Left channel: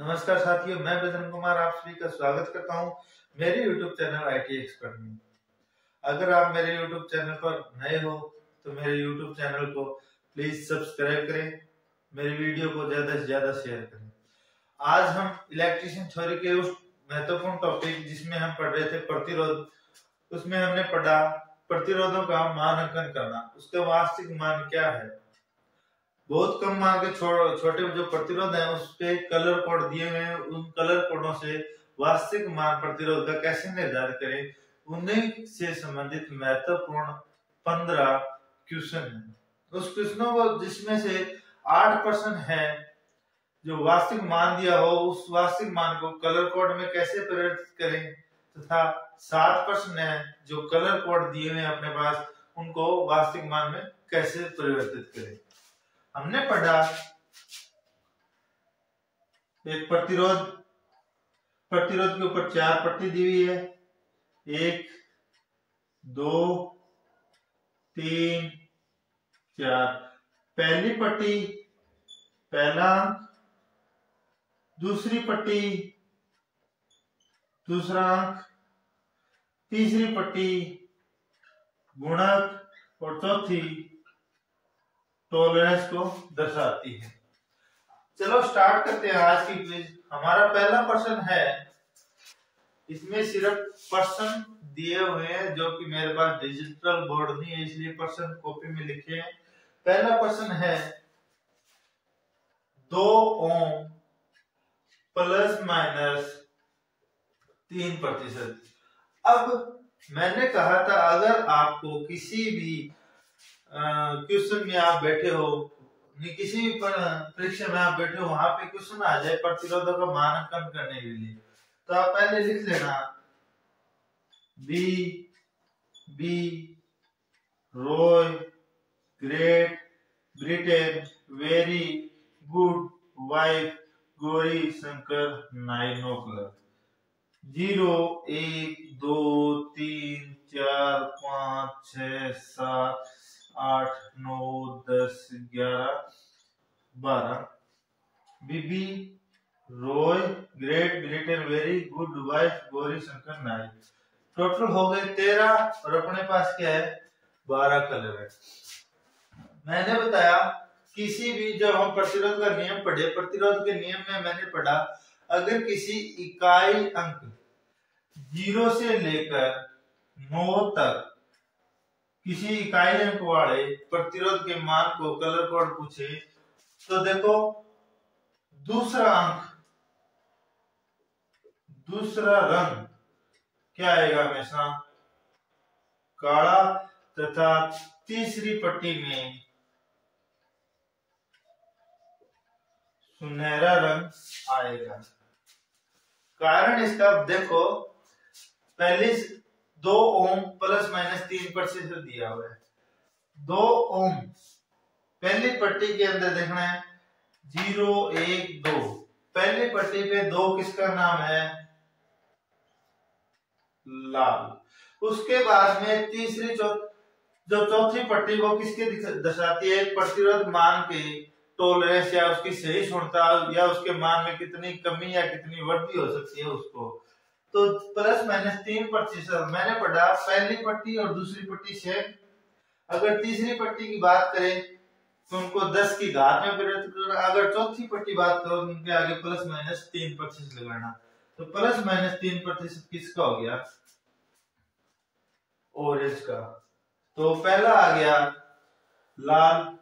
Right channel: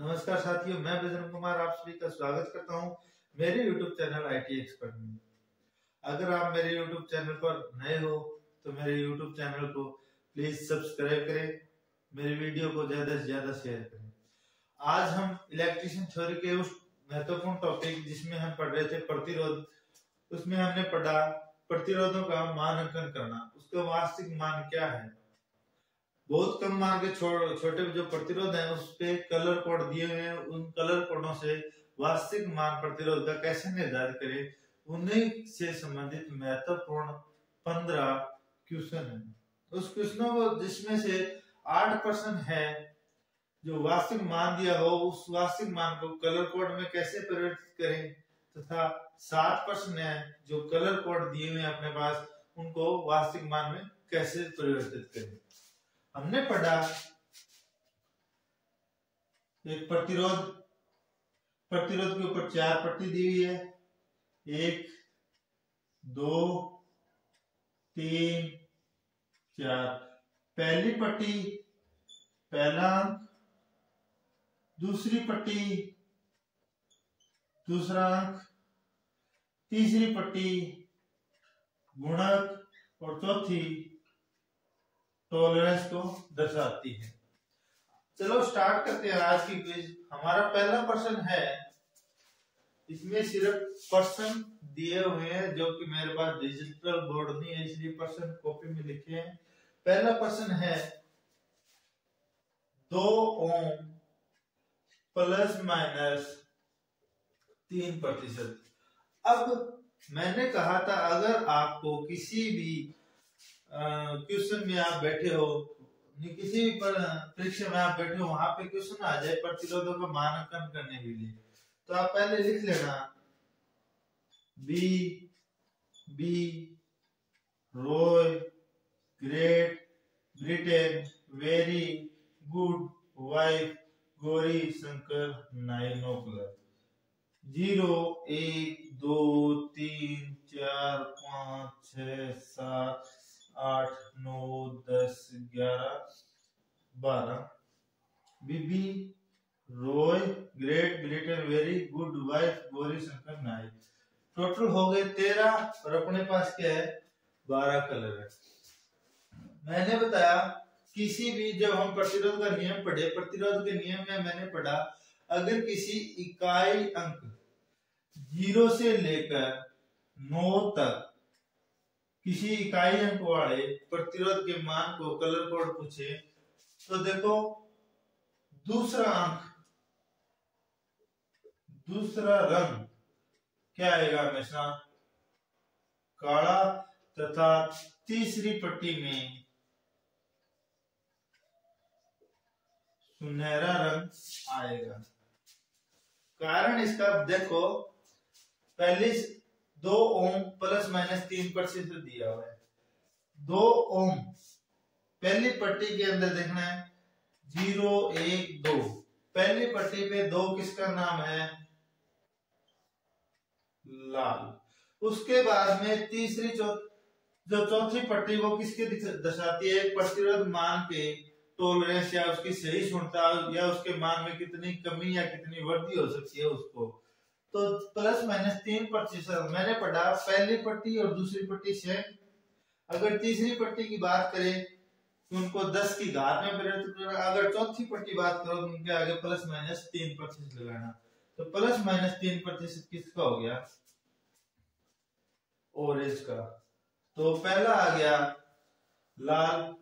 नमस्कार साथियों, मैं बजरंग कुमार आप सभी का स्वागत करता हूं मेरे YouTube चैनल IT एक्सपर्ट में। अगर आप मेरे YouTube चैनल पर नए हो तो मेरे YouTube चैनल को प्लीज सब्सक्राइब करें, मेरी वीडियो को ज्यादा से ज्यादा शेयर करें। आज हम इलेक्ट्रिशियन थ्योरी के उस महत्वपूर्ण टॉपिक जिसमें हम पढ़ रहे थे प्रतिरोध, उसमें हमने पढ़ा प्रतिरोधों का मानांकन करना, उसका वास्तविक मान क्या है। बहुत कम मान के छोटे जो प्रतिरोध है उस पे कलर कोड दिए हुए हैं, उन कलर कोडों से वास्तविक मान प्रतिरोध का कैसे निर्धारित करें, उन्हीं से संबंधित महत्वपूर्ण 15 क्वेश्चन है। उस क्वेश्चनों को जिसमें से 8% है जो वास्तविक मान दिया हो, उस वास्तविक मान को कलर कोड में कैसे परिवर्तित करें, तथा 7% है जो कलर कोड दिए हुए अपने पास, उनको वास्तविक मान में कैसे परिवर्तित करें। हमने पढ़ा एक प्रतिरोध के ऊपर 4 पट्टी दी हुई है, 1 2 3 4। पहली पट्टी पहला अंक, दूसरी पट्टी दूसरा अंक, तीसरी पट्टी गुणक और चौथी टॉलरेंस को दर्शाती है। चलो स्टार्ट करते हैं आज की क्विज। हमारा पहला प्रश्न है, इसमें सिर्फ प्रश्न दिए हुए हैं जो कि मेरे पास डिजिटल बोर्ड नहीं है, इसलिए प्रश्न कॉपी में लिखे हैं। पहला प्रश्न है 2 ओम प्लस माइनस 3%। अब मैंने कहा था अगर आपको किसी भी क्वेश्चन में आप बैठे हो, किसी भी परीक्षा में आप बैठे हो, वहां पे क्वेश्चन आ जाए प्रतिरोधों का मानांकन करने के लिए, तो आप पहले लिख लेना B Roy Great Britain very good wife Gauri Shankar नाइनोकुलर। 0 1 2 3 4 5 6 7 8 9 10 11 12। BB Roy Great Britain very good wife Gauri Shankar नाइट। टोटल हो गए 13 और अपने पास क्या है 12 कलर है। मैंने बताया किसी भी, जब हम प्रतिरोध का नियम पढ़े, प्रतिरोध के नियम में मैंने पढ़ा अगर किसी इकाई अंक 0 से लेकर 9 तक किसी इकाई अंक वाले प्रतिरोध के मान को कलर कोड पूछे, तो देखो दूसरा अंक, दूसरा रंग क्या आएगा, हमेशा काला, तथा तीसरी पट्टी में सुनहरा रंग आएगा। कारण इसका देखो, पहले 2 ओम प्लस माइनस 3% दिया हुआ है। 2 ओम पहली पट्टी के अंदर देखना है 0 1 2। पहली पट्टी पे 2 किसका नाम है, लाल। उसके बाद में तीसरी जो चौथी पट्टी वो किसके दर्शाती है, प्रतिरोध मान के टॉलरेंस या उसकी सही क्षमता या उसके मान में कितनी कमी या कितनी वृद्धि हो सकती है उसको। तो प्लस माइनस 3%। मैंने पढ़ा पहली पट्टी और दूसरी पट्टी से, अगर तीसरी पट्टी की बात करें तो उनको 10 की घात में परिवर्तित करना, अगर चौथी पट्टी बात करो तो उनके आगे प्लस माइनस 3% लगाना। तो प्लस माइनस 3% किसका हो गया, ऑरेंज का। तो पहला आ गया लाल,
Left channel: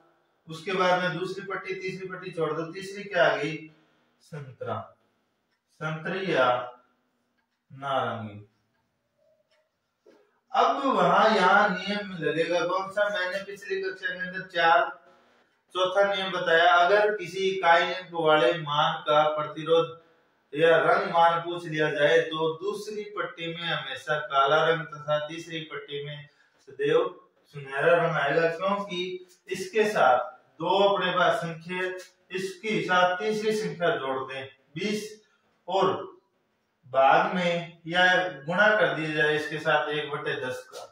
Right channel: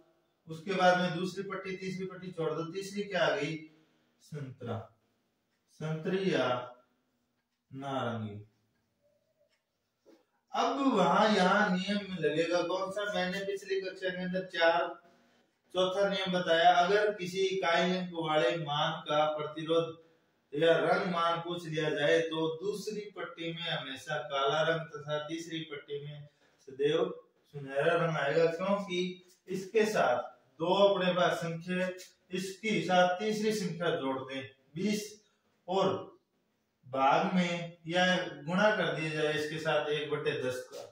उसके बाद में दूसरी पट्टी तीसरी पट्टी छोड़ दो, तीसरी क्या आ गई संतरा, संतरी या नारंगी। अब वहां यहाँ नियम लगेगा कौन सा, मैंने पिछली कक्षा के अंदर चौथा नियम बताया, अगर किसी इकाई अंक वाले मान का प्रतिरोध या रंग मान पूछ लिया जाए तो दूसरी पट्टी में हमेशा काला रंग तथा तीसरी पट्टी में सदैव सुनहरा रंग आएगा, क्योंकि इसके साथ 2 अपने पास संख्या, इसके साथ तीसरी संख्या जोड़ दें 20 और भाग में या गुणा कर दिया जाए इसके साथ 1/10 का।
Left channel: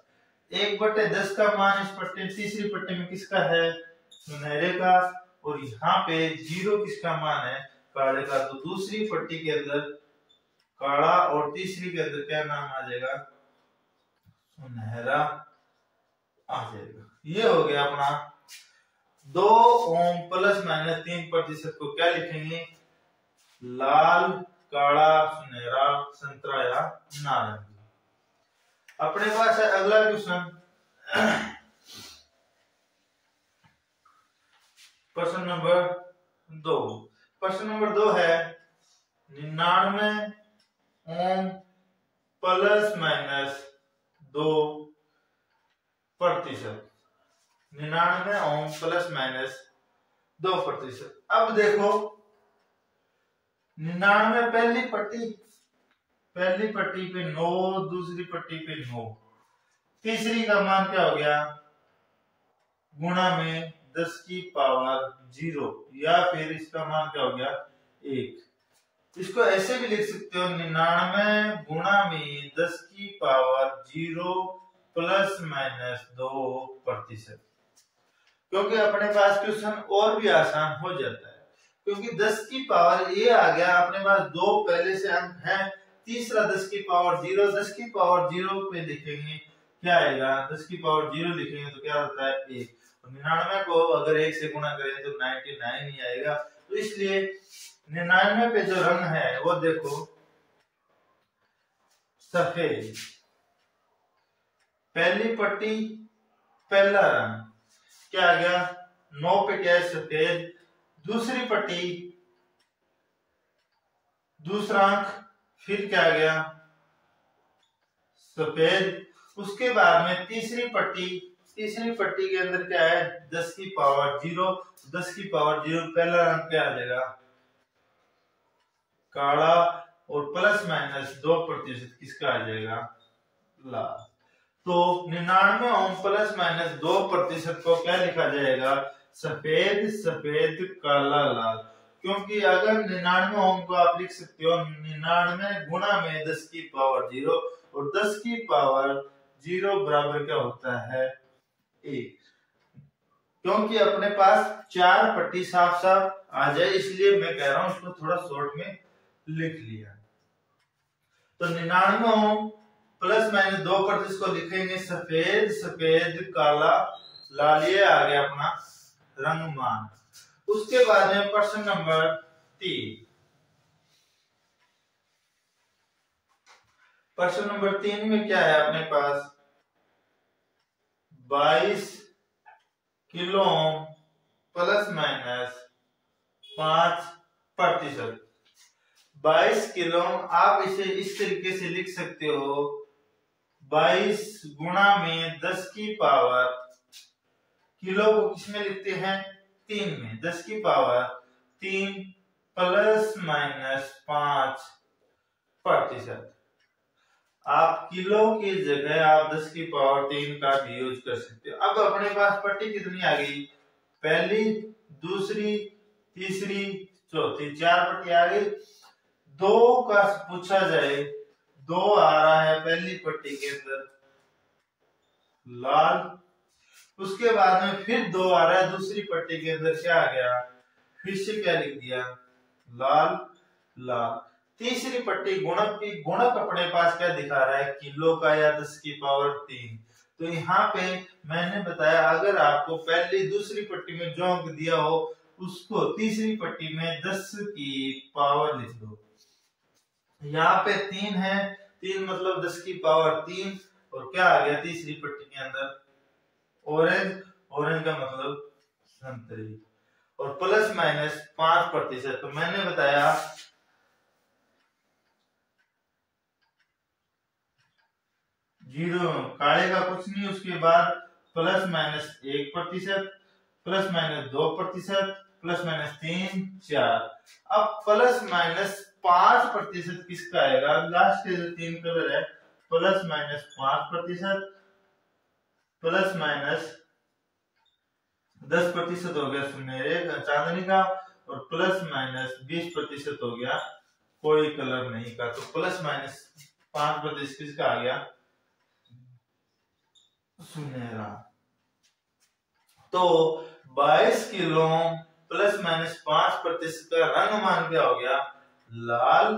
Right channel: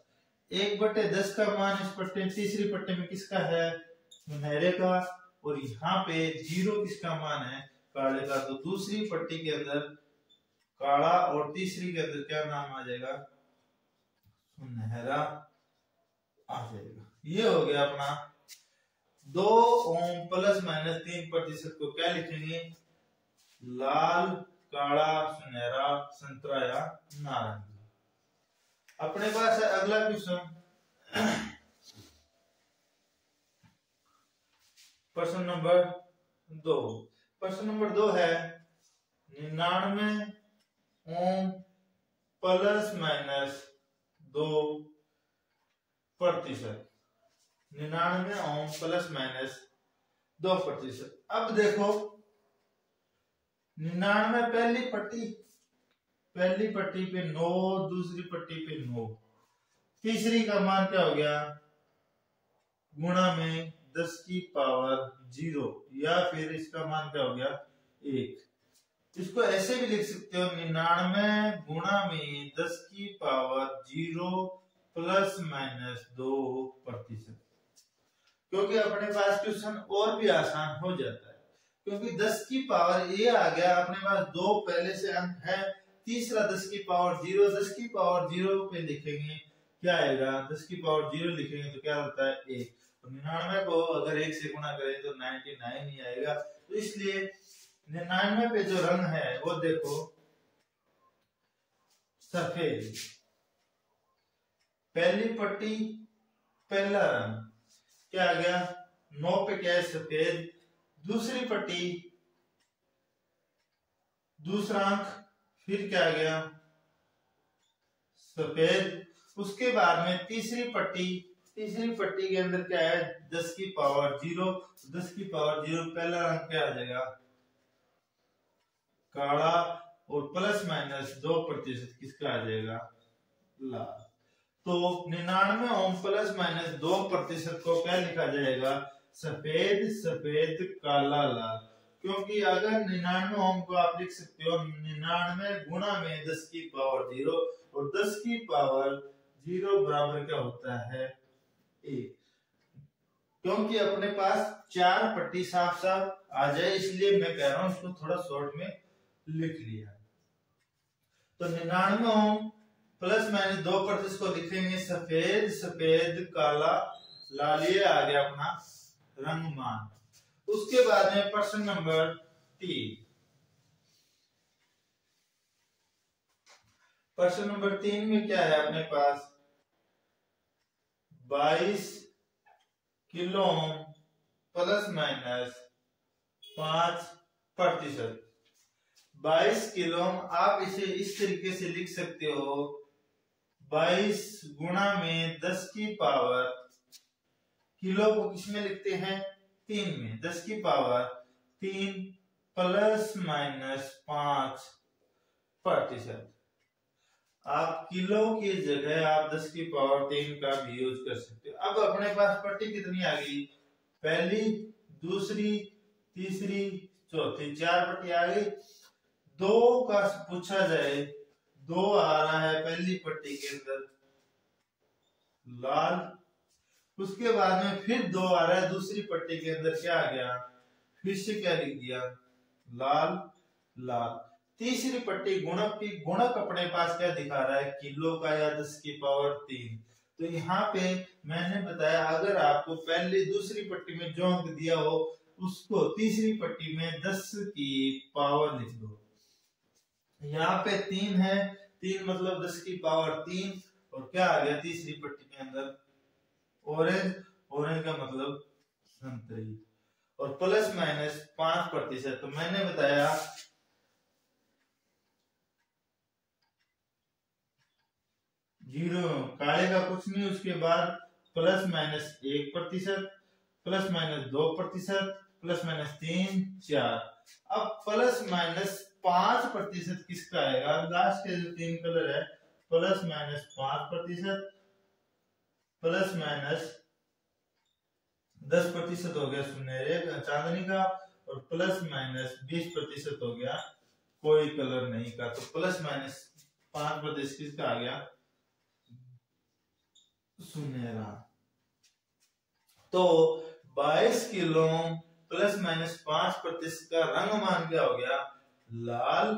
1/10 का मान इस पट्टी तीसरी पट्टी में किसका है, सुनहरे का, और यहाँ पे 0 किसका मान है, काले का, तो दूसरी पट्टी के अंदर काला और तीसरी के अंदर क्या नाम आ जाएगा, सुनहरा आ जाएगा। ये हो गया अपना 2 ओम प्लस माइनस 3% को क्या लिखेंगे, लाल, काला, सुनहरा, संतरा या नारंगी। अपने पास है अगला क्वेश्चन, प्रश्न नंबर 2। प्रश्न नंबर 2 है 99 ohm plus minus 2%। 99 ohm plus minus 2%। अब देखो 99 पहली पट्टी पे 9, दूसरी पट्टी पे 9, तीसरी का मान क्या हो गया, गुणा में 10 की पावर 0, या फिर इसका मान क्या हो गया 1। इसको ऐसे भी लिख सकते हो 99 गुणा में 10 की पावर 0 प्लस माइनस 2%। क्योंकि अपने पास क्वेश्चन और भी आसान हो जाता है, क्योंकि 10 की पावर ए आ गया, अपने पास 2 पहले से अंक है, तीसरा 10 की पावर 0, 10 की पावर 0 पे लिखेंगे क्या आएगा, 10 की पावर 0 लिखेंगे तो क्या होता है 1। 99 को अगर 1 से गुणा करें तो 99 ही आएगा। तो इसलिए 99 पे जो रंग है वो देखो सफेद, पहली पट्टी पहला रंग क्या आ गया, 9 पे क्या है सफेद, दूसरी पट्टी दूसरा अंक फिर क्या आ गया सफेद, उसके बाद में तीसरी पट्टी के अंदर क्या है 10 की पावर 0, 10 की पावर 0 पहला रंग क्या आ जाएगा काला, और प्लस माइनस 2% किसका आ जाएगा लाल। तो 99 ओम प्लस माइनस 2% को क्या लिखा जाएगा, सफेद सफेद काला लाल। क्योंकि अगर 99 ओम को आप लिख सकते हो 99 गुणा में 10 की पावर 0, और 10 की पावर 0 बराबर क्या होता है 1। क्योंकि अपने पास 4 पट्टी साफ साफ आ जाए इसलिए मैं कह रहा हूं इसको थोड़ा शॉर्ट में लिख लिया। तो 99 ओम प्लस माइनस 2% को लिखेंगे सफेद सफेद काला लाल, ये आ गया अपना रंग मान। उसके बाद में प्रश्न नंबर 3। प्रश्न नंबर 3 में क्या है अपने पास 22 kilo ohm plus minus 5%। 22 kilo आप इसे इस तरीके से लिख सकते हो 22 गुणा में 10 की पावर, किलो को किसमें लिखते हैं 3 में, 10 की पावर 3 प्लस माइनस 5%। आप किलो की जगह आप 10 की पावर 3 का भी यूज कर सकते हो। अब अपने पास पट्टी कितनी आ गई, पहली दूसरी तीसरी चौथी, 4 पट्टी आ गई। 2 का पूछा जाए 2 आ रहा है पहली पट्टी के अंदर लाल, उसके बाद में फिर 2 आ रहा है दूसरी पट्टी के अंदर क्या आ गया, फिर से क्या लिख दिया लाल लाल। तीसरी पट्टी गुणक की, गुणक अपने पास क्या दिखा रहा है किलो का या 10 की पावर 3। तो यहाँ पे मैंने बताया अगर आपको पहली दूसरी पट्टी में जो अंक दिया हो उसको तीसरी पट्टी में 10 की पावर लिख दो। यहाँ पे 3 है, 3 मतलब 10 की पावर 3, और क्या आ गया तीसरी पट्टी के अंदर ऑरेंज, ऑरेंज का मतलब संतरी, और प्लस माइनस 5%। तो मैंने बताया जीरो काले का कुछ नहीं, उसके बाद plus minus 1%, plus minus 2%, plus minus 3 4। अब प्लस माइनस 5% किसका आएगा, लास्ट के जो 3 कलर है प्लस माइनस 5%, प्लस माइनस 10% हो गया सुनहरे चांदनी का, और प्लस माइनस 20% हो गया कोई कलर नहीं का। तो प्लस माइनस 5% किसका आ गया सुनहरा। तो 22 किलो +-5% का रंग मान क्या हो गया? लाल,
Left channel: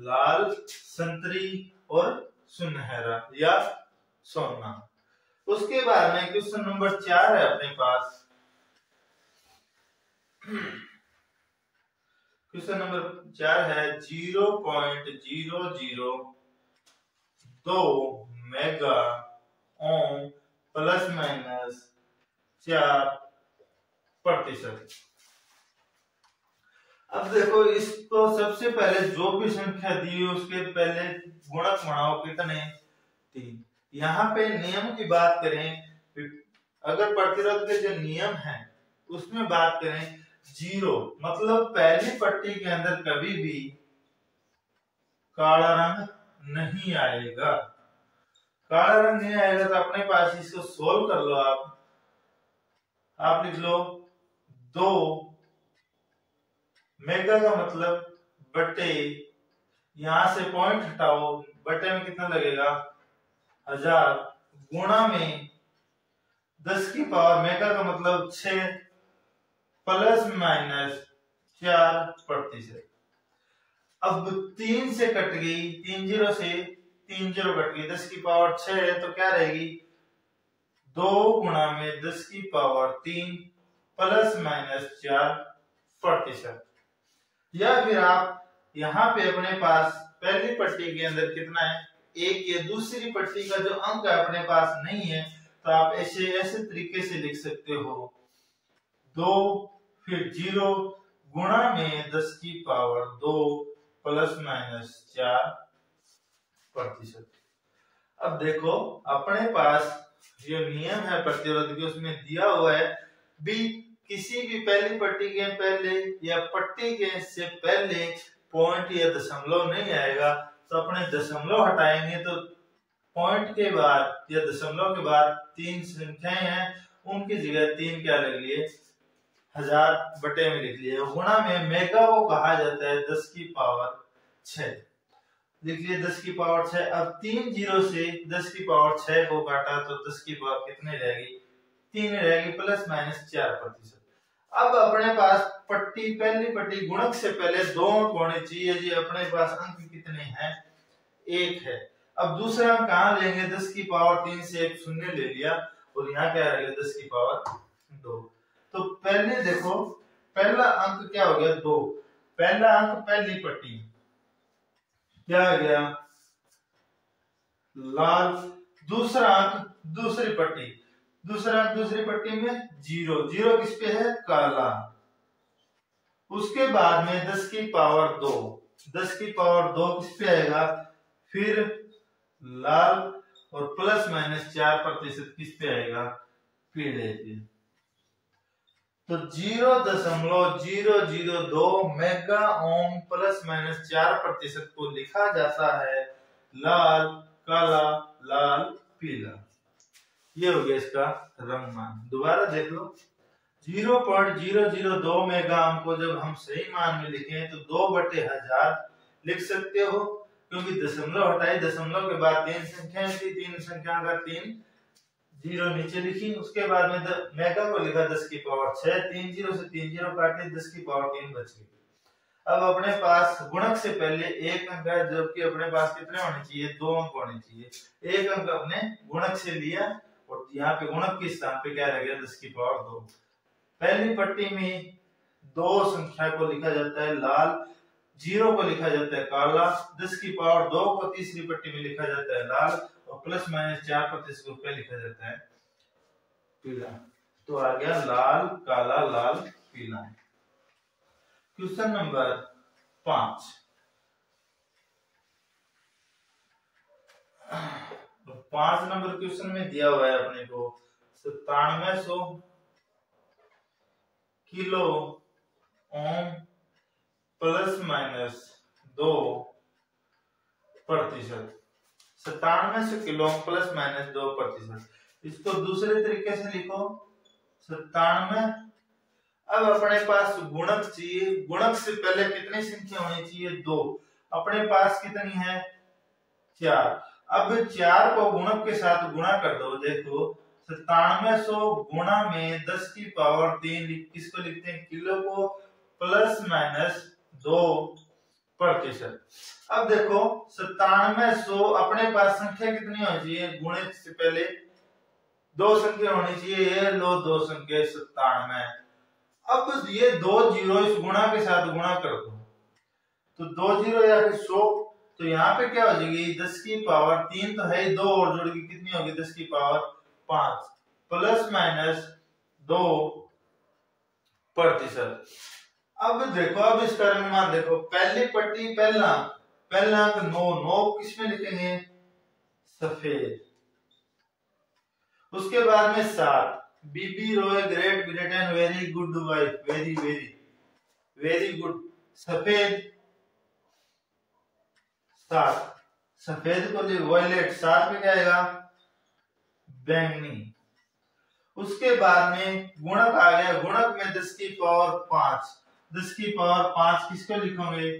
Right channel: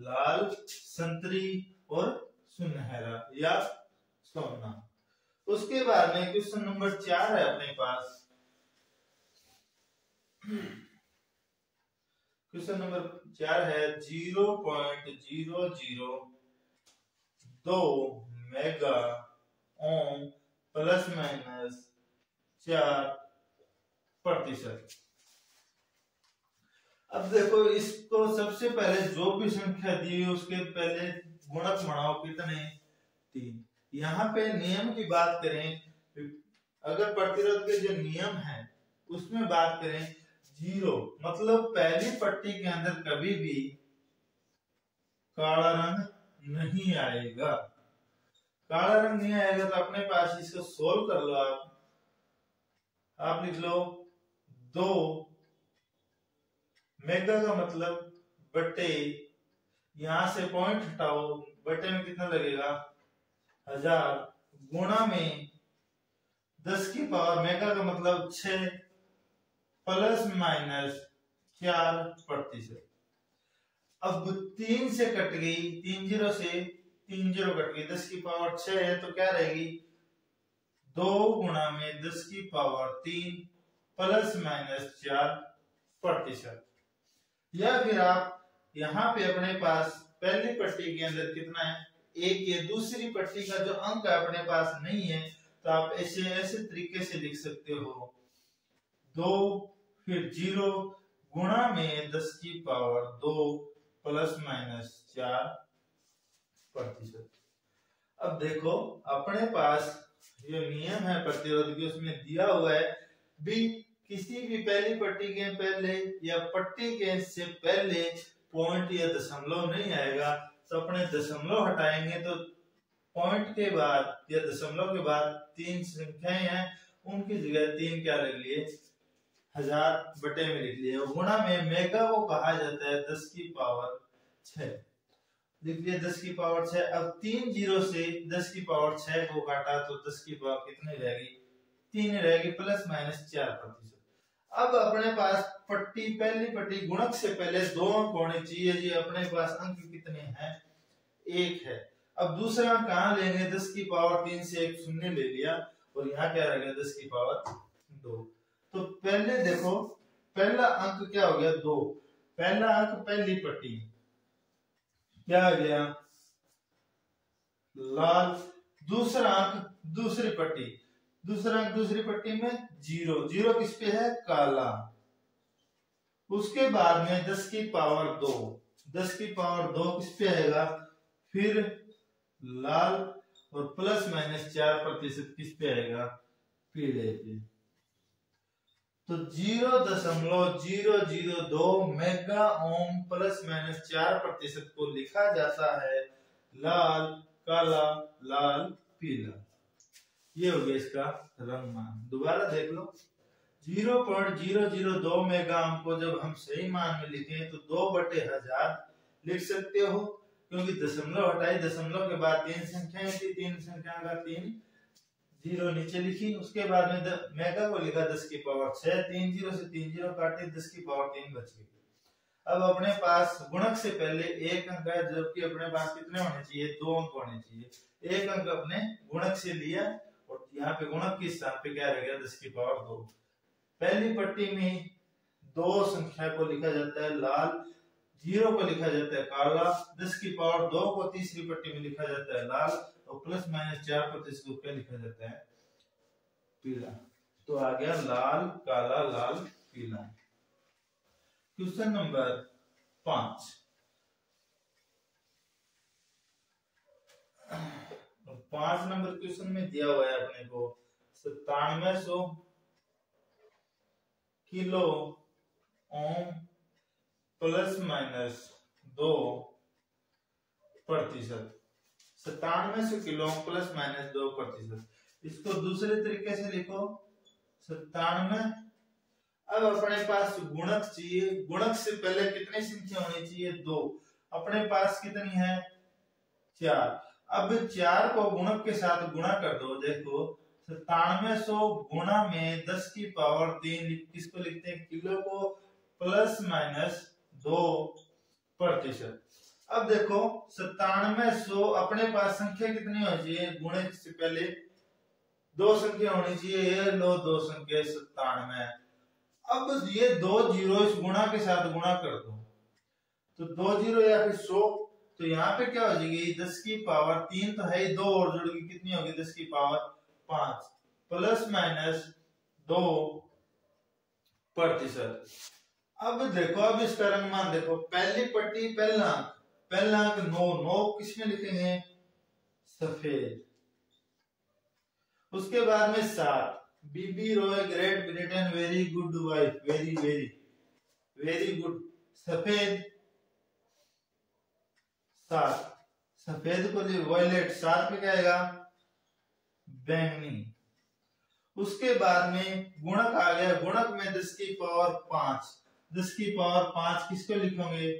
लाल, संतरी और सुनहरा या सोना। उसके बाद में क्वेश्चन नंबर 4 है अपने पास। क्वेश्चन नंबर 4 है 0.002 मेगा ओम ±4%। अब देखो इसको सबसे पहले जो भी संख्या दी है उसके पहले गुणक बनाओ कितने? 3। यहाँ पे नियम की बात करें, अगर प्रतिरोध के जो नियम है उसमें बात करें, 0 मतलब पहली पट्टी के अंदर कभी भी काला रंग नहीं आएगा। काला रंग नहीं आएगा तो अपने पास इसको सोल्व कर लो। आप लिख लो 2 मेगा का मतलब बटे, यहां से पॉइंट हटाओ, बटे में कितना लगेगा? 1000 गुणा में 10 की पावर, मेगा का मतलब 6 ±4%। अब 3 से कट गई, 3 0 से 3 0 कट गई, 10 की पावर 6 है तो क्या रहेगी? 2 गुणा में 10 की पावर 3 ±4%। या फिर आप यहाँ पे अपने पास पहली पट्टी के अंदर कितना है? 1 ये दूसरी पट्टी का जो अंक है अपने पास नहीं है तो आप ऐसे तरीके से लिख सकते हो 2 फिर 0 गुणा में 10 की पावर 2 ±4%। अब देखो अपने पास जो नियम है प्रतिरोध की उसमें दिया हुआ है भी किसी भी पहली पट्टी के पहले या पट्टी के से पहले पॉइंट या दशमलव नहीं आएगा तो अपने दशमलव हटाएंगे तो पॉइंट के बाद या दशमलव के बाद 3 संख्याएं हैं उनकी जगह 3 क्या लिख लिए? 1000 बटे में लिख लिए। गुणा में मेगा को कहा जाता है 10 की पावर 6, लिख लिए 10 की पावर 6। अब 3 0 से 10 की पावर 6 को काटा तो 10 की पावर कितनी रहेगी? 3 रहेगी +-4%। अब अपने पास पट्टी पहली पट्टी गुणक से पहले 2 अंक होने चाहिए जी, अपने पास अंक कितने हैं? 1 है। अब दूसरा अंक कहां लेंगे? 10 की पावर 3 से एक शून्य ले लिया और यहाँ क्या रहेगा? 10 की पावर 2। तो पहले देखो पहला अंक क्या हो गया? 2। पहला अंक पहली पट्टी क्या आ गया? लाल। दूसरा अंक दूसरी पट्टी, दूसरा अंक दूसरी पट्टी में 0, 0 किस पे है? काला। उसके बाद में 10 की पावर 2, 10 की पावर 2 किस पे आएगा? फिर लाल और +-4% किस पे आएगा? पीले पे। तो 0.002 मेगा ओम +-4% को लिखा जाता है लाल, काला, लाल, पीला। ये हो गया इसका रंग मान। दोबारा देख लो 0.002 मेगा ओम को जब हम सही मान में लिखें तो 2/1000 लिख सकते हो क्योंकि दशमलव हटाई, दशमलव के बाद 3 संख्याएं थी, 3 संख्या का 3 0 नीचे लिखी। उसके बाद में मेगा को लिखा 10 की पावर 6, 3 0 से 3 0 काटे, 10 की पावर 3 बच गई। अब अपने पास गुणक से पहले 1 अंक है जबकि अपने पास कितने होने चाहिए? 2 अंक होने चाहिए। 1 अंक अपने गुणक से लिया और यहाँ पे गुणक के स्थान पे क्या रह गया? 10 की पावर 2। पहली पट्टी में 2 संख्या को लिखा जाता है लाल, 0 को लिखा जाता है काला, 10 की पावर 2 को तीसरी पट्टी में लिखा जाता है लाल और +-4% को क्या लिखा जाता है? पीला। तो आ गया लाल, काला, लाल, पीला। Question number 5। 5 नंबर क्वेश्चन में दिया हुआ है अपने को 9700 किलो ओम +-2%। 9700 kilo ohm +-2%। इसको दूसरे तरीके से लिखो 97। अब अपने पास गुणक चाहिए, गुणक से पहले कितनी संख्या होनी चाहिए? 2। अपने पास कितनी है? 4। अब 4 को गुणक के साथ गुणा कर दो। देखो 9700 गुणा में 10 की पावर 3, किसको लिखते हैं, किलो को, प्लस माइनस 2%। अब देखो 9700, अपने पास संख्या कितनी होनी चाहिए, गुणे से पहले 2 संख्या होनी चाहिए, ये लो 2 संख्या 97। अब ये 2 जीरो इस गुणा के साथ गुणा कर दो, तो 2 जीरो या फिर 100, तो यहाँ पे क्या हो जाएगी, 10 की पावर 3 तो है, 2 और जोड़ेगी कितनी होगी, 10 की पावर 5 प्लस माइनस 2%। अब देखो, अब इसका रंगमान देखो, पहली पट्टी पहला अंक 9 किसमें लिखेंगे, सफेद। उसके बाद में 7, BB Roy Great Britain very good wife, very very very good, सफेद 7, सफेद को वॉयलेट 7 पे क्या आएगा, बैंगनी। उसके बाद में गुणक आ गया, गुणक में 10 की पावर 5, 10 की पावर 5 किसको लिखोगे,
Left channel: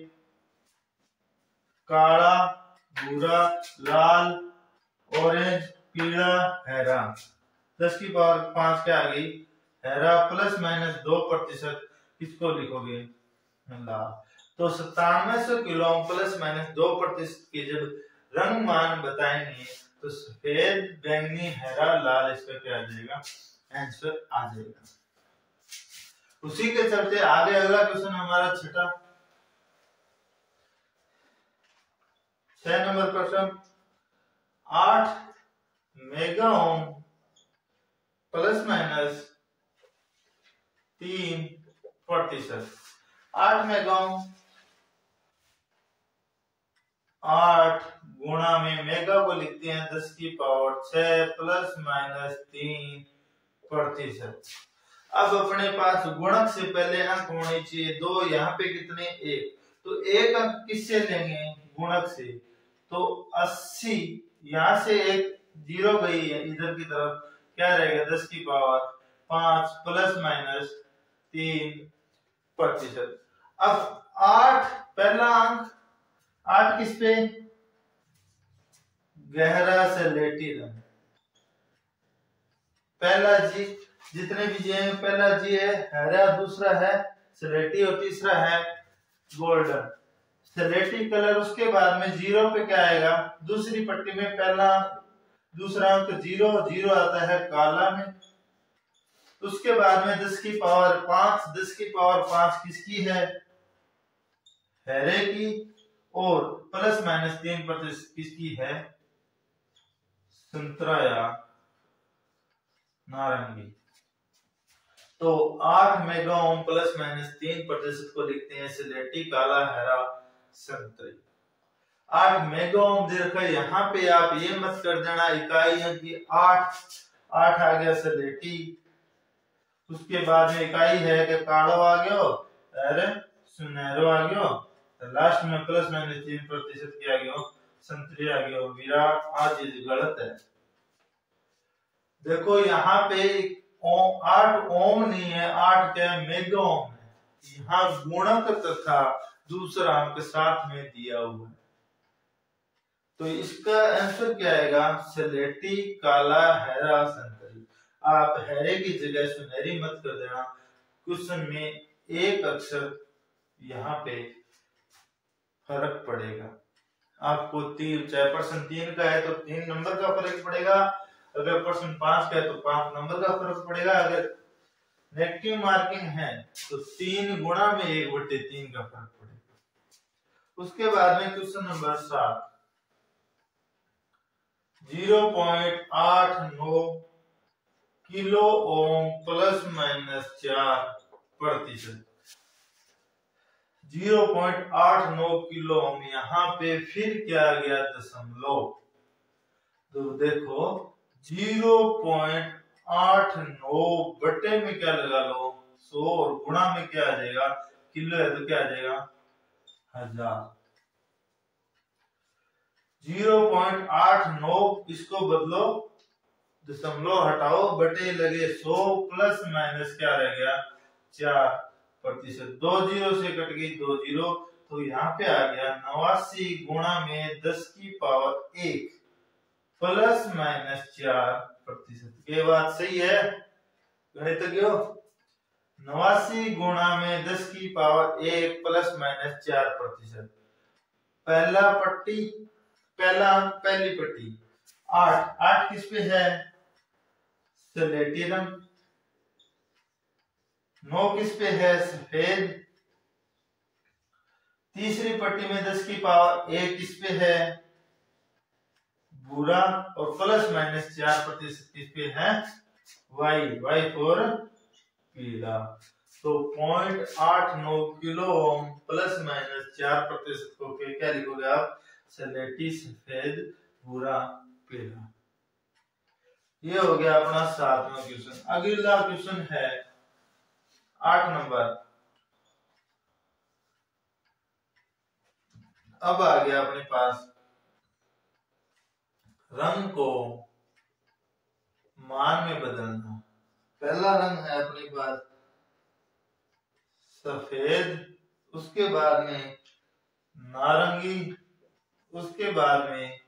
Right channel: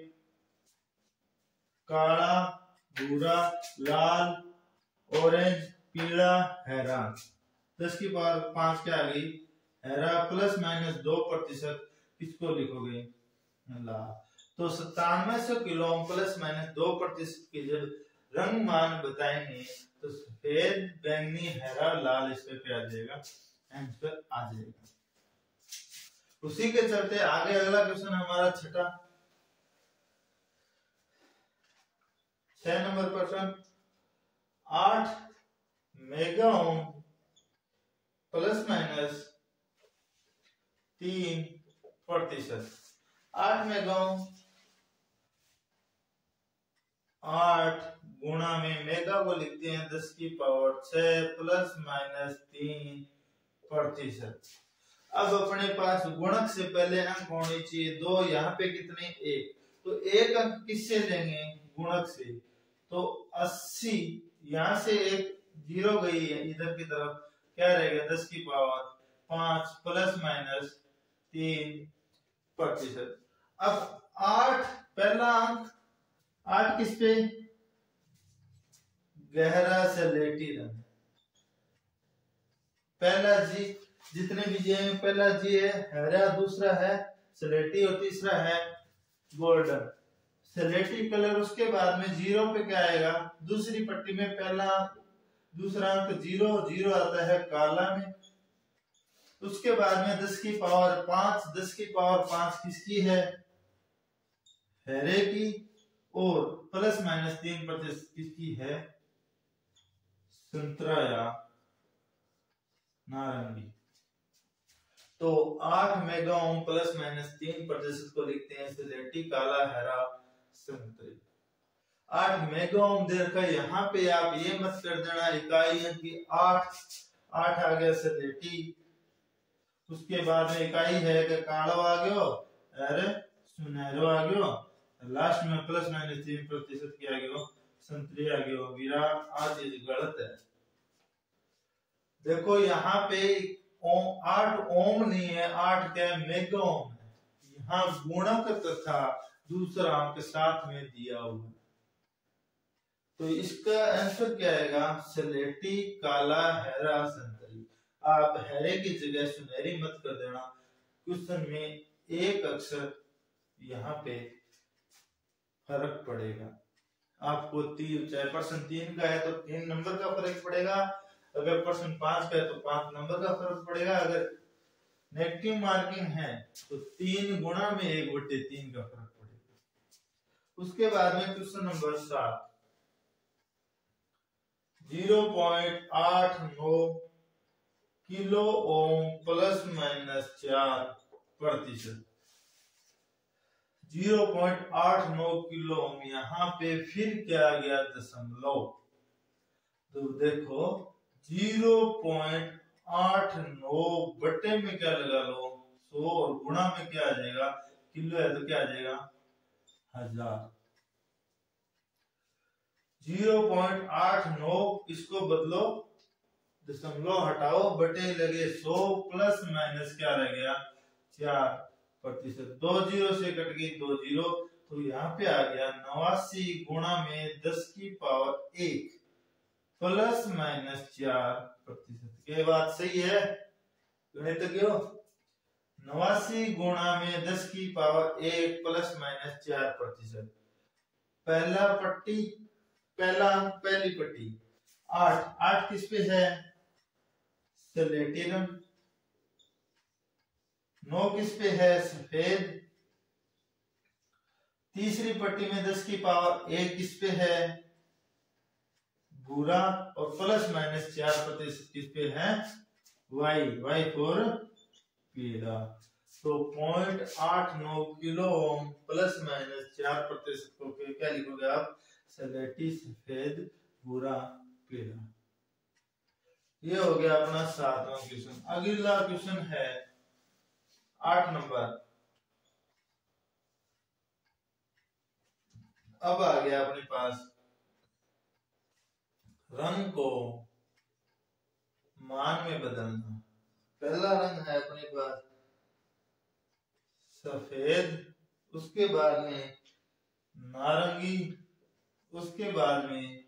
काला, भूरा, लाल, ऑरेंज, पीला, हरा। 10 की पावर 5 क्या आ गई, हरा, प्लस माइनस 2% किसको लिखोगे, लाल। तो 9700 किलो प्लस माइनस 2% की जब रंग मान बताएंगे तो सफेद, बैंगनी, हरा, लाल, इसका क्या आ जाएगा, आंसर आ जाएगा। उसी के चलते आगे अगला क्वेश्चन हमारा 6 नंबर प्रश्न, 8 mega ohm plus minus 3%। 8 mega ohm, 8 गुणा में मेगा को लिखते हैं 10 की पावर 6 प्लस माइनस 3%। अब अपने पास गुणक से पहले अंक होने चाहिए 2, यहाँ पे कितने, 1, तो 1 अंक किससे लेंगे, गुणक से, तो 80, यहाँ से 1 जीरो गई है इधर की तरफ, क्या रहेगा, 10 की पावर 5 प्लस माइनस 3%। अब 8 पहला अंक, 8 किस पे, गहरा सलेटी रंग, पहला जी, जितने भी जी हैं, पहला जी है हरा, दूसरा है सलेटी और तीसरा है गोल्डन, सलेटी कलर। उसके बाद में 0 पे क्या आएगा, दूसरी पट्टी में पहला दूसरा अंक 0 0 आता है काला में। उसके बाद में 10 की पावर 5, 10 की पावर 5 किसकी है, हरे की, और प्लस माइनस 3% किसकी है, संतरा या नारंगी। तो 8 मेगा ओम प्लस माइनस 3% को लिखते हैं सिलेटी, काला, हरा, संतरी। 8 मेगा ओम देखकर यहाँ पे आप ये मत कर देना इकाई है कि 8 आ गया सिलेटी, उसके बाद में इकाई है कि कालो आ गयो, अरे सुनहरो आ गयो, लास्ट में प्लस माइनस 3% किया गया, संतरी आ गयो, वीरा। आज चीज गलत है। देखो यहाँ पे 8 ओम नहीं है, 8 क्या मेगा ओम है, यहाँ गुणक तथा दूसरा अंक साथ में दिया हुआ है, तो इसका आंसर क्या आएगा, सलेटी, काला, हरा, संतरी। आप हरे की जगह सुनहरी मत कर देना, क्वेश्चन में एक अक्षर यहाँ पे फर्क पड़ेगा आपको। चाहे प्रश्न 3 का है तो 3 नंबर का फर्क पड़ेगा, अगर प्रश्न 5 का है तो 5 नंबर का फर्क पड़ेगा, अगर नेगेटिव मार्किंग है तो 3 गुणा में 1/3 का फर्क पड़ेगा। उसके बाद में question number 7, 0.89 kilo ohm plus minus 4%। 0.89 kilo ohm, यहाँ पे फिर क्या आ गया, दशमलव। तो देखो 0.89 बटे में क्या लगा लो 100, और गुणा में क्या आ जाएगा, किलो है तो क्या आ जाएगा, 1000। 0.89 इसको बदलो, दशमलव हटाओ, बटे लगे 100, प्लस माइनस क्या रह गया, 4%। 2 जीरो से कट गई 2 जीरो, तो यहाँ पे आ गया 89 गुणा में 10 की पावर 1 प्लस माइनस 4 प्रतिशत। ये बात सही है गणितज्ञों? 89 गुणा में 10 की पावर 1 प्लस माइनस 4 प्रतिशत। पहला अंक पहली पट्टी 8। 8 किस पे है? स्लेटी रंग। 9 किस पे है? सफेद। तीसरी पट्टी में 10 की पावर 1 किस पे है? भूरा। और प्लस माइनस 4 प्रतिशत किस पे है? वाई फॉर पीला। तो 0.89 किलो ओम प्लस माइनस 4 प्रतिशत को क्या लिखोगे आप? स्लेटी, सफेद, भूरा, पीला। ये हो गया अपना 7वां क्वेश्चन। अगला क्वेश्चन है 8 नंबर। अब आ गया अपने पास रंग को मान में बदलना। पहला रंग है अपने पास सफेद, उसके बाद में नारंगी, उसके बाद में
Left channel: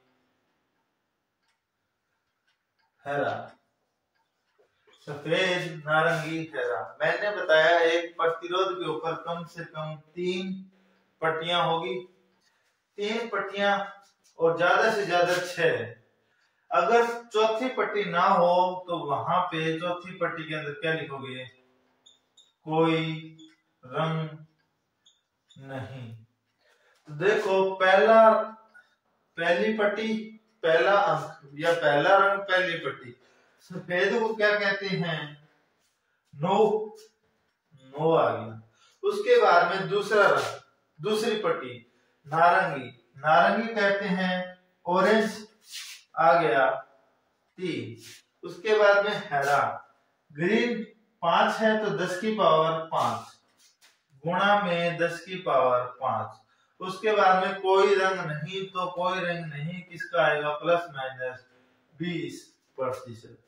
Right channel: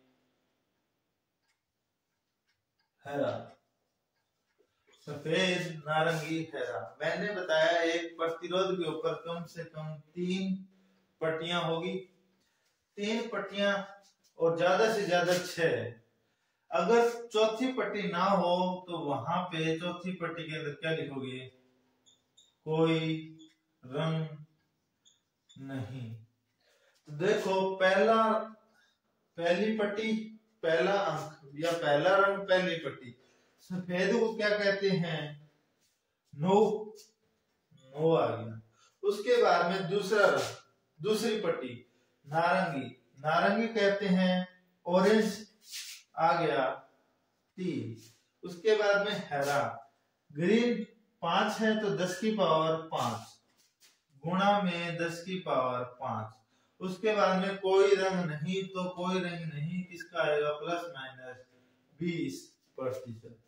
हरा। सफेद, नारंगी, हरा। मैंने बताया एक प्रतिरोध के ऊपर कम से कम 3 पट्टियां होगी। 3 पट्टियां और ज्यादा से ज्यादा 6। अगर चौथी पट्टी ना हो तो वहां पे चौथी पट्टी के अंदर क्या लिखोगे? कोई रंग नहीं। तो देखो पहली पट्टी पहला अंक या पहला रंग पहली पट्टी। सफेद को क्या कहते हैं? नो आ गया। उसके बाद में दूसरा रंग, दूसरी पट्टी नारंगी कहते हैं ऑरेंज, आ गया 3। उसके बाद में हरा, ग्रीन 5 है तो 10 की पावर 5 गुणा में 10 की पावर 5। उसके बाद में कोई रंग नहीं, तो कोई रंग नहीं किसका आएगा? Plus minus 20%।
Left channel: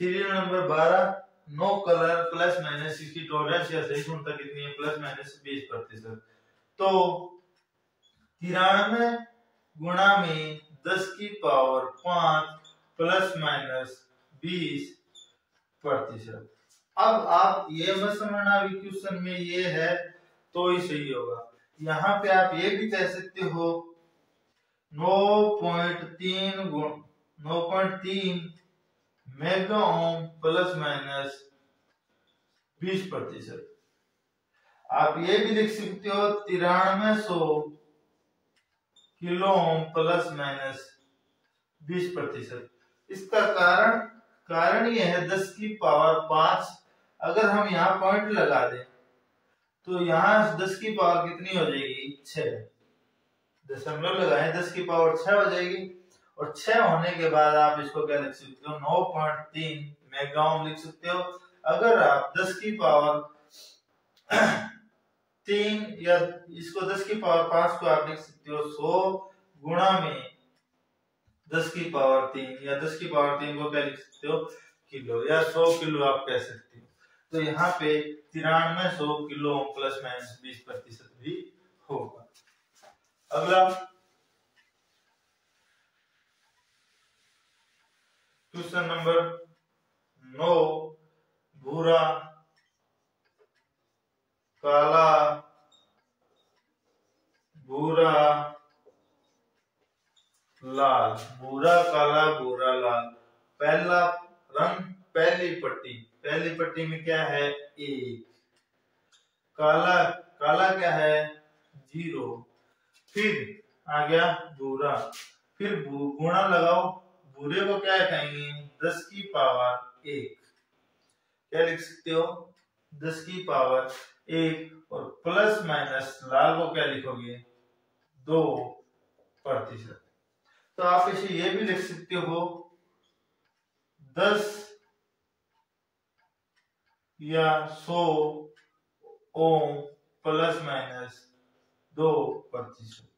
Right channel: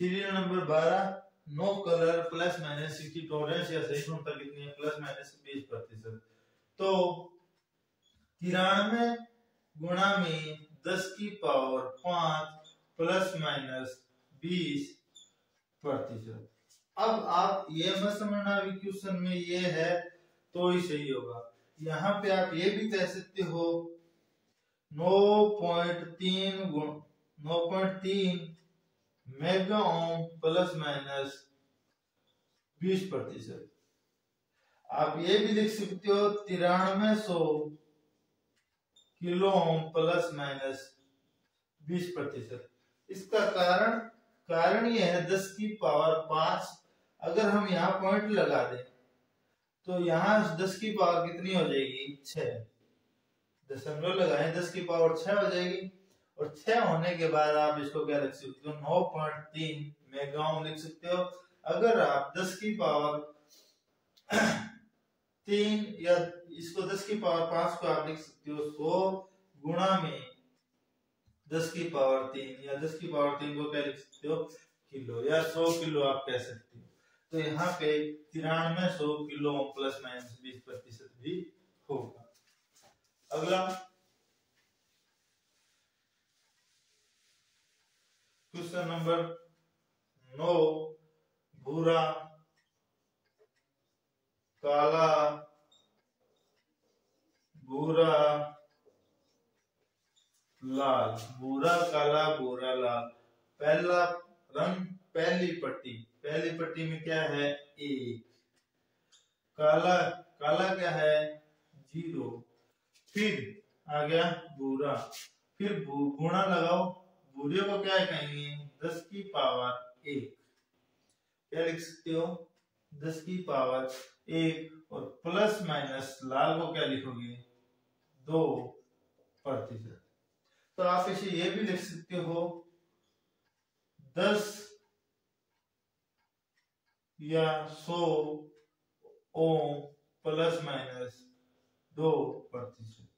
Serial number 12 no colour plus minus इसकी टॉलरेंस या सहिष्णुता कितनी है? Plus minus 20%। तो 93 गुणा में 10 की पावर 5 प्लस माइनस 20%। अब आप ये मत समझना अभी क्वेश्चन में ये है तो ही सही होगा। यहाँ पे आप ये भी कह सकते हो 9.3 मेगा ओम प्लस माइनस 20%। आप ये भी लिख सकते हो 9300 किलो ओम प्लस माइनस 20%। इसका कारण ये है 10 की पावर 5। अगर हम यहाँ पॉइंट लगा दें तो यहाँ 10 की पावर कितनी हो जाएगी? 6। दशमलव लगाएं 10 की पावर 6 हो जाएगी। और 6 होने के बाद आप इसको क्या लिख सकते हो? 9.3 मेगा ओम लिख सकते हो। अगर आप 10 की पावर 3 या इसको 10 की पावर 5 को आप लिख सकते हो 100 गुणा में 10 की पावर 3 या 10 की पावर 3 को क्या लिख सकते हो? किलो, या 100 किलो आप कह सकते हो। तो यहाँ पे 9300 किलो प्लस माइनस 20% भी होगा। अगला क्वेश्चन नंबर 9 भूरा, काला, भूरा, लाल। भूरा, काला, भूरा, लाल। पहला रंग पहली पट्टी में क्या है? 1। काला क्या है? 0। फिर आ गया भूरा, फिर गुणा लगाओ। भूरे को क्या कहेंगे? 10 की पावर 1। क्या लिख सकते हो? 10 की पावर 1। और प्लस माइनस लाल को क्या लिखोगे? 2%। तो आप इसे ये भी लिख सकते हो 10 या 100 ओम प्लस माइनस 2%।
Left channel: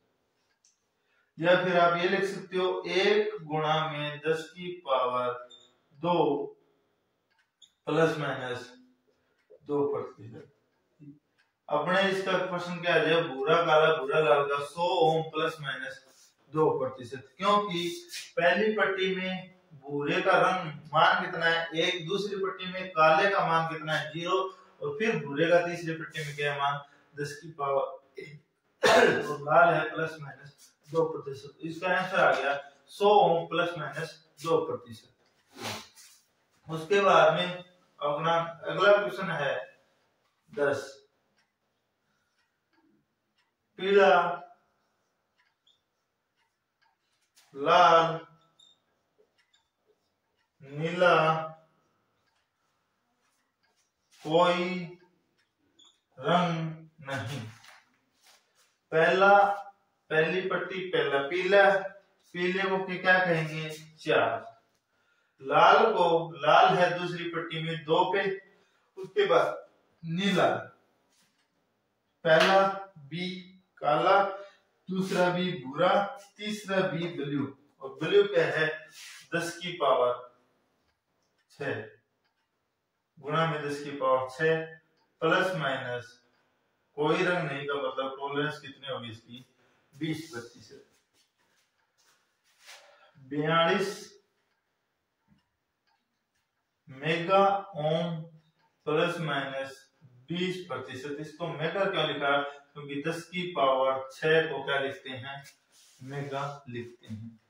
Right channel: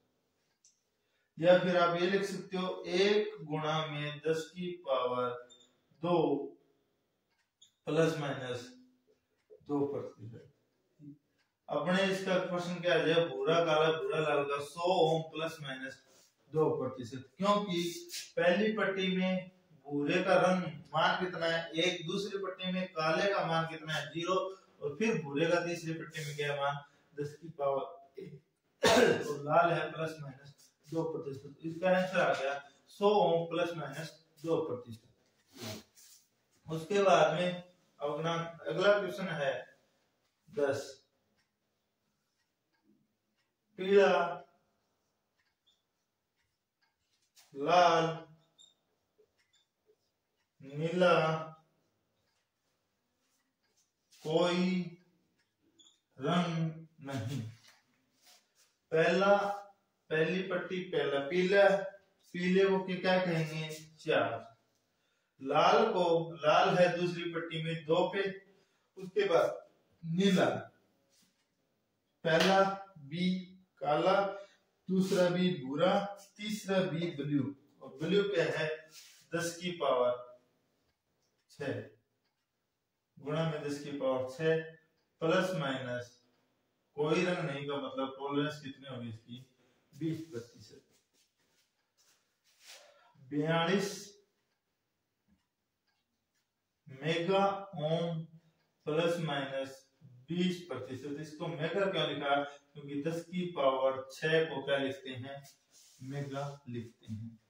या फिर आप ये लिख सकते हो 1 गुणा में 10 की पावर 2 प्लस माइनस 2%। अपने इसका क्वेश्चन क्या है? भूरा काला भूरा लाल का 100 ओम प्लस माइनस 2%। क्योंकि पहली पट्टी में भूरे का रंग मान कितना है 1, दूसरी पट्टी में काले का मान कितना है 0, और फिर भूरे का तीसरी पट्टी में क्या है मान 10 की पावर 1 और लाल है प्लस माइनस 2%। इसका आंसर आ गया 100 ओम प्लस माइनस 2%। उसके बाद में अपना अगला क्वेश्चन है 10। पीला, लाल, नीला, कोई रंग नहीं। पहली पट्टी पहला पीला, पीले को क्या कहेंगे 4। लाल को लाल है दूसरी पट्टी में 2 पे। उसके बाद नीला, पहला बी काला, दूसरा बी भूरा, तीसरा बी ब्लू, और ब्लू क्या है 10 की पावर 6 गुणा में 10 की पावर 6 प्लस माइनस कोई रंग नहीं का मतलब टॉलरेंस कितनी होगी इसकी 20%। 42 मेगा ओम प्लस माइनस 20%। इसको मेगा क्यों लिखा, क्योंकि 10 की पावर 6 को क्या लिखते हैं मेगा लिखते हैं।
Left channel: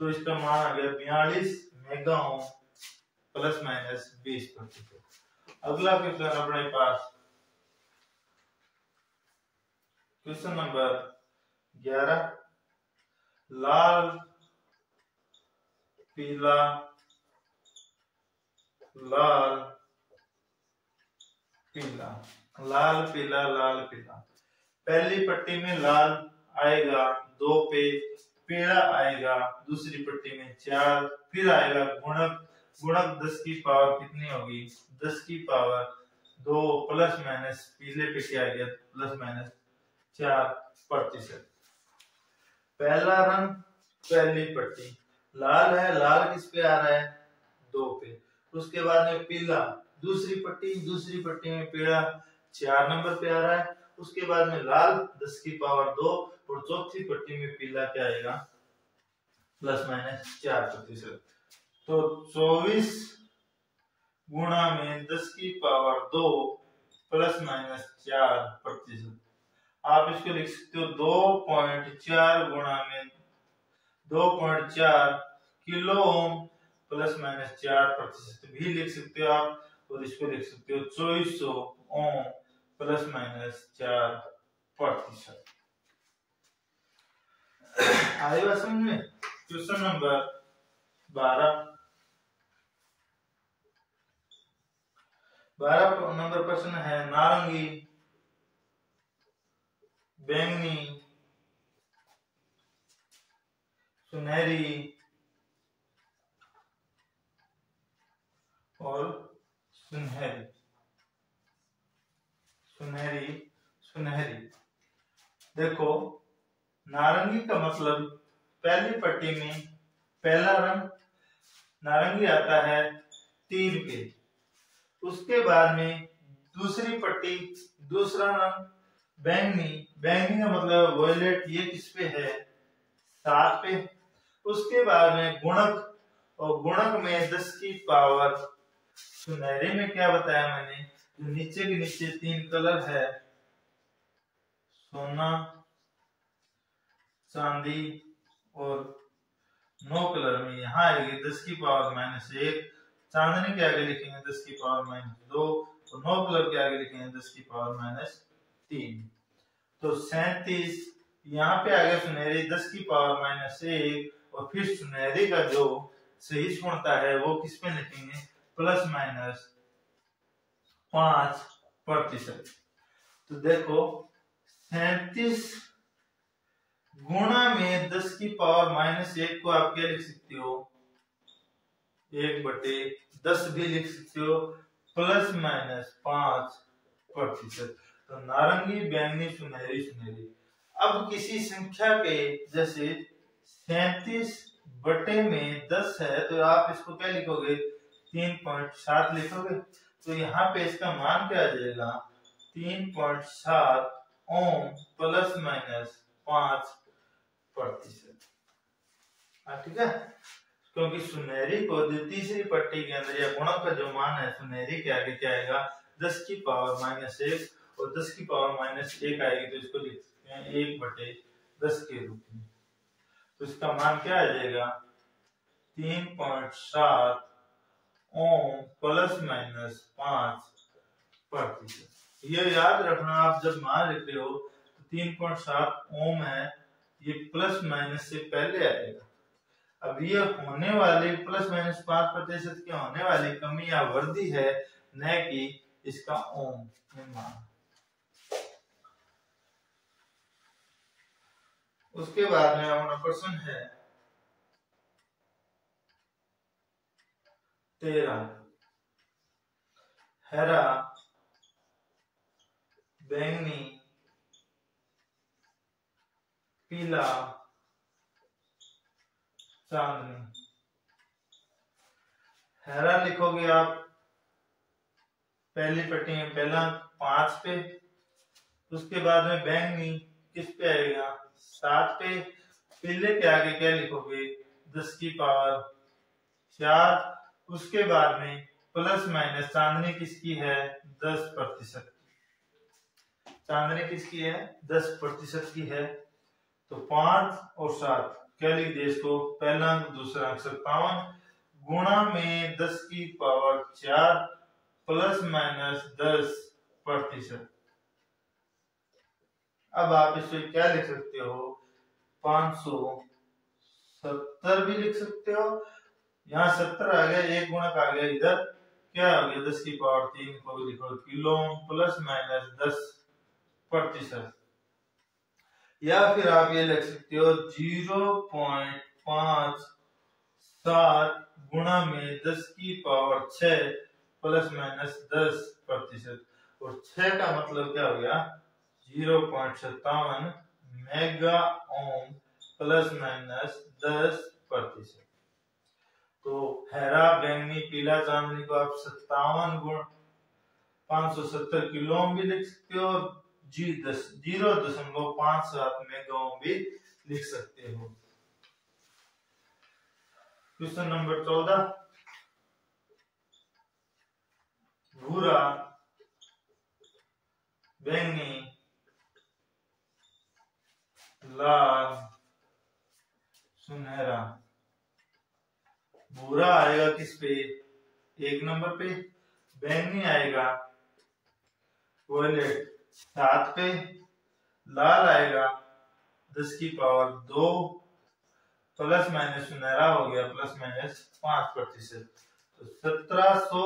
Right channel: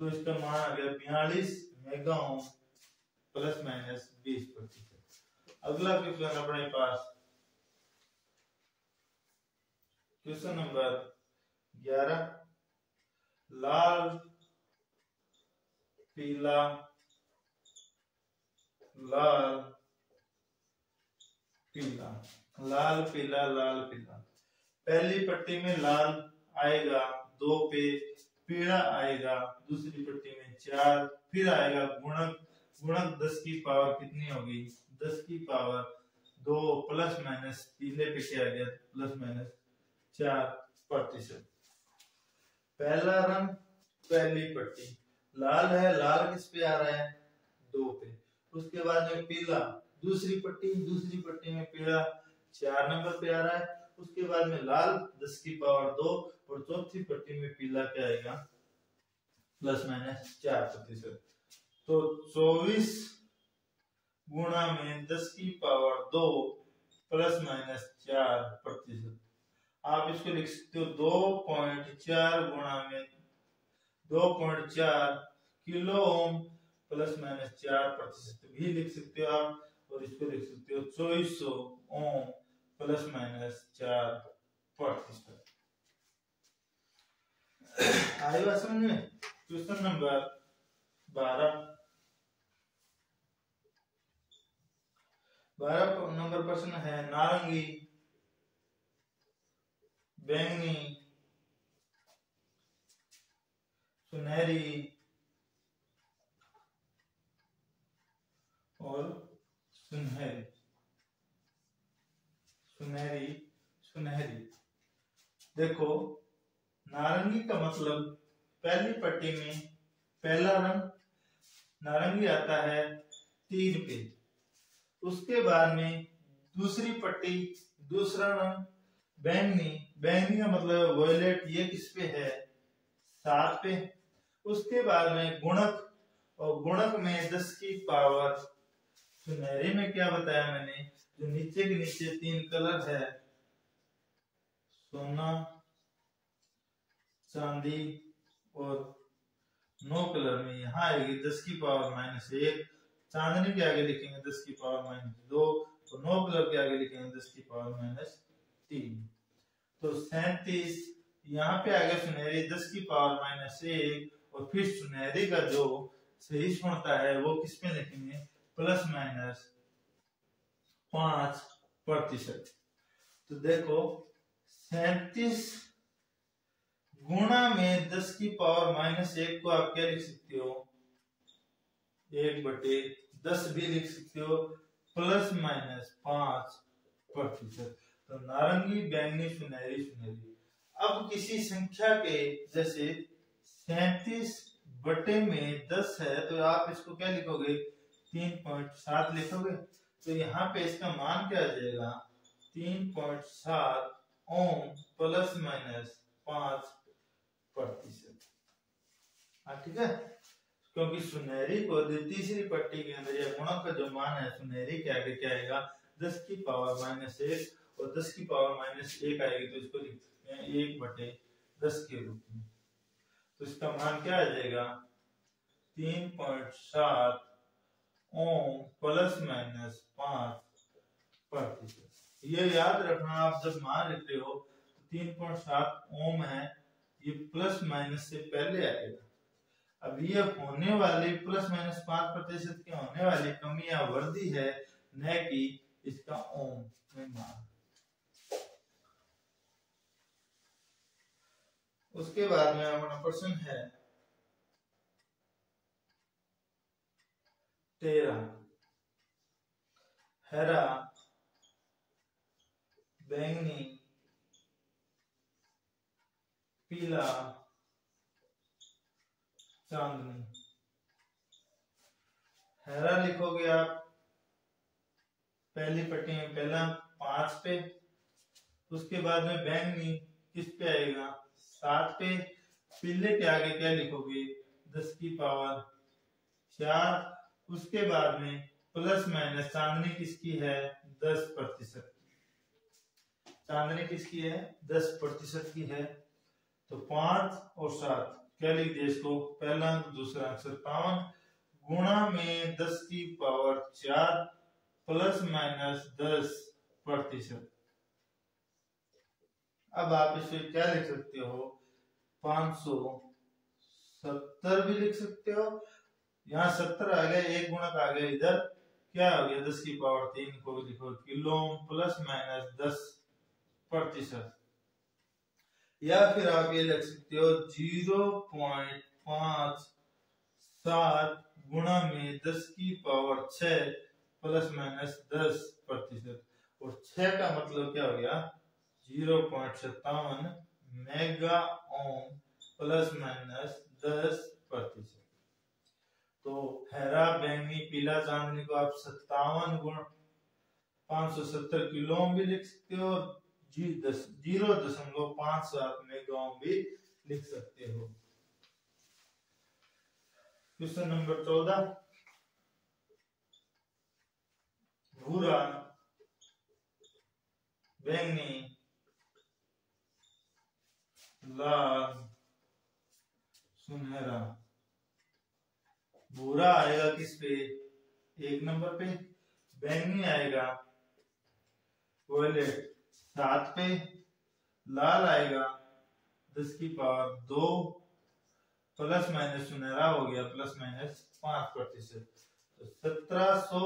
तो इसका मान आ गया 42 मेगा ओम प्लस माइनस 20%। अगला क्वेश्चन अपने पास क्वेश्चन नंबर 11। लाल, पीला, लाल, पीला, लाल पीला लाल पीला। पहली पट्टी में लाल आएगा 2 पे, पीला आएगा दूसरी पट्टी में 4, फिर आएगा गुणक। गुणक 10 की पावर कितनी होगी 10 की पावर 2 प्लस माइनस पीले पे क्या आ गया प्लस माइनस 4%। पहला रंग पहली पट्टी लाल है, लाल किस पे आ रहा है 2 पे। उसके बाद में पीला दूसरी पट्टी में पीला 4 नंबर पे आ रहा है। उसके बाद में लाल 10 की पावर 2 और चौथी पट्टी में पीला क्या आएगा प्लस माइनस 4%। तो 24 गुणा में 10 की पावर 2 प्लस माइनस 4%। आप इसको लिख सकते हो 2.4 गुणा में 2.4 किलो ओम प्लस माइनस 4% भी लिख सकते हो आप, और इसको लिख सकते हो 2400 ओम प्लस माइनस 4%। आएगा समझ में। क्वेश्चन नंबर 12 नंबर प्रश्न है नारंगी, बैंगनी, सुनहरी और सुनहरी। सुनहरी सुनहरी देखो नारंगी का मतलब पहली पट्टी में पहला रंग नारंगी आता है 3 पे। उसके बाद में दूसरी पट्टी दूसरा रंग बैंगनी, बैंगनी का मतलब वॉयलेट, ये किस पे है 7 पे। उसके बाद में गुणक, और गुणक में 10 की पावर सुनहरे में क्या बताया मैंने, जो नीचे के नीचे 3 कलर है सोना, चांदी और 9 कलर में यहाँ आएगी 10 की पावर -1। चांदनी के आगे लिखेंगे 10 की पावर -2 और 9 कलर के आगे लिखेंगे 10 की पावर -3। तो 37 यहाँ पे आ गया सुनहरी 10 की पावर -1, और फिर सुनहरी का जो सही सुनता है वो किस पे लिखेंगे प्लस माइनस 5%। तो देखो 37 गुणा में 10 की पावर -1 को आप क्या लिख सकते हो 1/10 भी लिख सकते हो प्लस माइनस 5%। तो नारंगी, बैंगनी, सुनहरी सुनहरी। अब किसी संख्या के जैसे 37/10 है तो आप इसको क्या लिखोगे 3.7 लिखोगे। तो यहाँ पे इसका मान क्या आ जाएगा 3.7 ओम प्लस माइनस 5%। ठीक है। क्योंकि सुनहरी को तीसरी पट्टी के अंदर या गुणक का जो मान है सुनहरी के आगे क्या आएगा 10 की पावर -1 और 10 की पावर -1 आएगी तो इसको लिख सकते हैं 1/10 के रूप में। तो इसका मान क्या आ जाएगा 3.7 ओम ±5%। ये याद रखना, आप जब मान लिखते हो तो 3.7 ओम है, ये प्लस माइनस से पहले आएगा। अब ये होने वाली ±5% के होने वाली कमी या वृद्धि है, न कि इसका ओम में मान। उसके बाद में अपना प्रश्न है 13। हरा, बैंगनी, पीला, चांदनी। हरा लिखोगे आप पहली पट्टी में पहला 5 पे, उसके बाद में बैंगनी किस पे आएगा 7 पे, पीले के आगे क्या लिखोगे 10 की पावर 4, उसके बाद में प्लस माइनस चांदनी किसकी है 10%। चांदनी किसकी है 10% की है। तो 5 और 7 क्या लिख दिया इसको, पहला अंक दूसरा अंक 57 गुणा में 10 की पावर 4 प्लस माइनस 10%। अब आप इसको क्या लिख सकते हो 570 भी लिख सकते हो। यहाँ 70 आ गया, एक गुणक आ गया, इधर क्या आ गया 10 की पावर 3 को भी लिखो किलो प्लस माइनस 10%। या फिर आप ये लिख सकते हो 0.57 गुणा में 10 की पावर 6 प्लस माइनस 10%। और 6 का मतलब क्या हो गया 0.57 मेगा ओम प्लस माइनस 10%। तो हरा, बैंगनी, पीला, चांदनी को आप 57 गुण 570 किलो ओम भी लिख सकते हो, 0.57 मेगा ओम भी लिख सकते हो। Question number 14। भूरा, बैंगनी, लाल, सुनहरा। भूरा आएगा किस पे 1 नंबर पे, बैंगनी आएगा वॉयलेट 7 पे, लाल आएगा 10 की पावर 2 प्लस माइनस सुनहरा हो गया प्लस माइनस 5%। तो 1700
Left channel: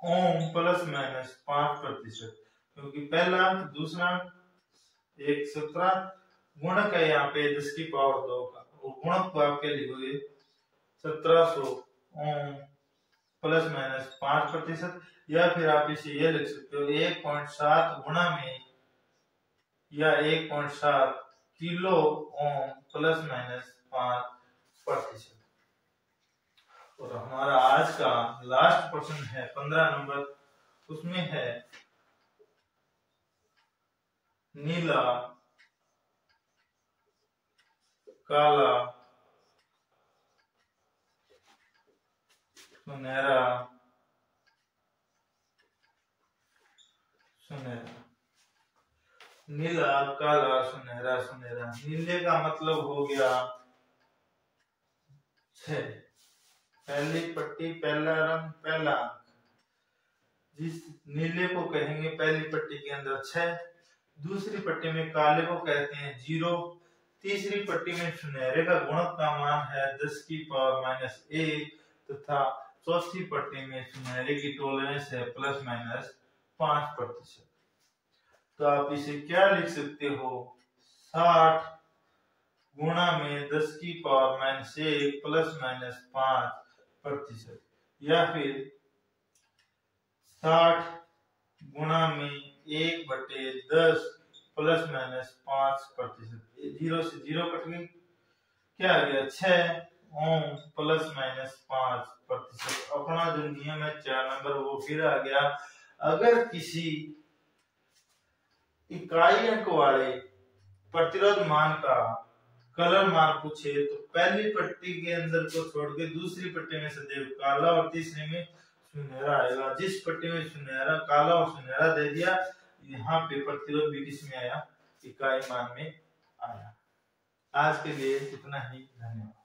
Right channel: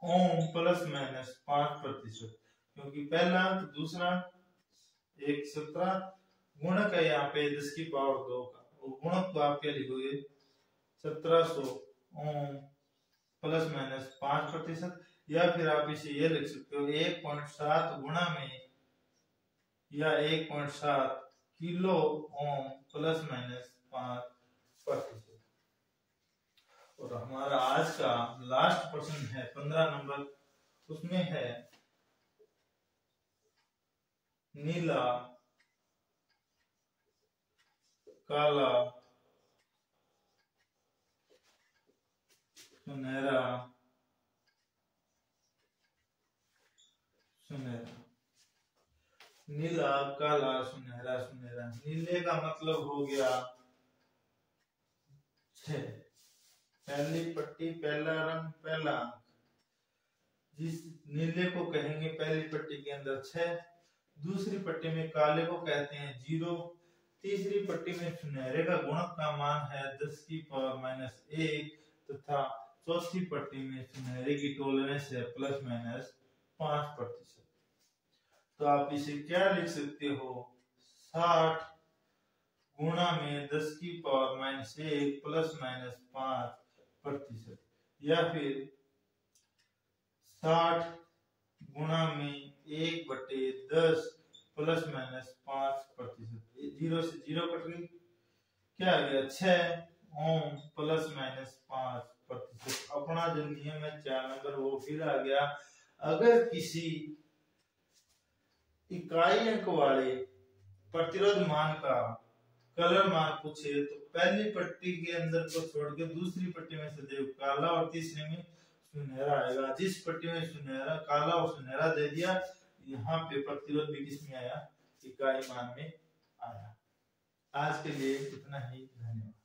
ओम प्लस माइनस 5%, क्योंकि पहला अंक दूसरा एक 17 गुणक है यहाँ पे 10 की पावर 2 का, गुणक को आप क्या लिखोगे 1700 ओम प्लस माइनस 5%। या फिर आप इसे ये लिख सकते हो 1.7 गुणा में या 1.7 किलो ओम प्लस माइनस 5%। और हमारा आज का लास्ट प्रश्न है 15 नंबर, उसमें है नीला, काला, सुनहरा, सुनहरा। नीला, काला, सुनहरा, सुनहरा। नीले का मतलब हो गया 6, पहली पट्टी पहला रंग पहला अंक, जिस नीले को कहेंगे पहली पट्टी के अंदर 6, दूसरी पट्टी में काले को कहते हैं 0, तीसरी पट्टी में सुनहरे का गुणक का मान है 10 की पावर -1 तथा चौथी पट्टी में सुनहरे की टॉलरेंस है प्लस माइनस 5%। तो आप इसे क्या लिख सकते हो 60 गुणा में 10 की पावर -1 प्लस माइनस 5%। या फिर 60 गुणा में 1/10 प्लस माइनस 5%। 0 से 0 कट गई, क्या आ गया 6 ओम प्लस माइनस 5%। अपना जो नियम है 4 नंबर वो फिर आ गया। अगर किसी इकाई अंक वाले प्रतिरोध मान का कलर मान पूछे तो पहली पट्टी के अंदर को छोड़ के दूसरी पट्टी में सदैव काला और तीसरी में सुनहरा आएगा। जिस पट्टी में सुनहरा, काला और सुनहरा दे दिया, यहाँ पे प्रतिरोध भी किसमें आया, इकाई मान में आया। आज के लिए इतना ही, धन्यवाद।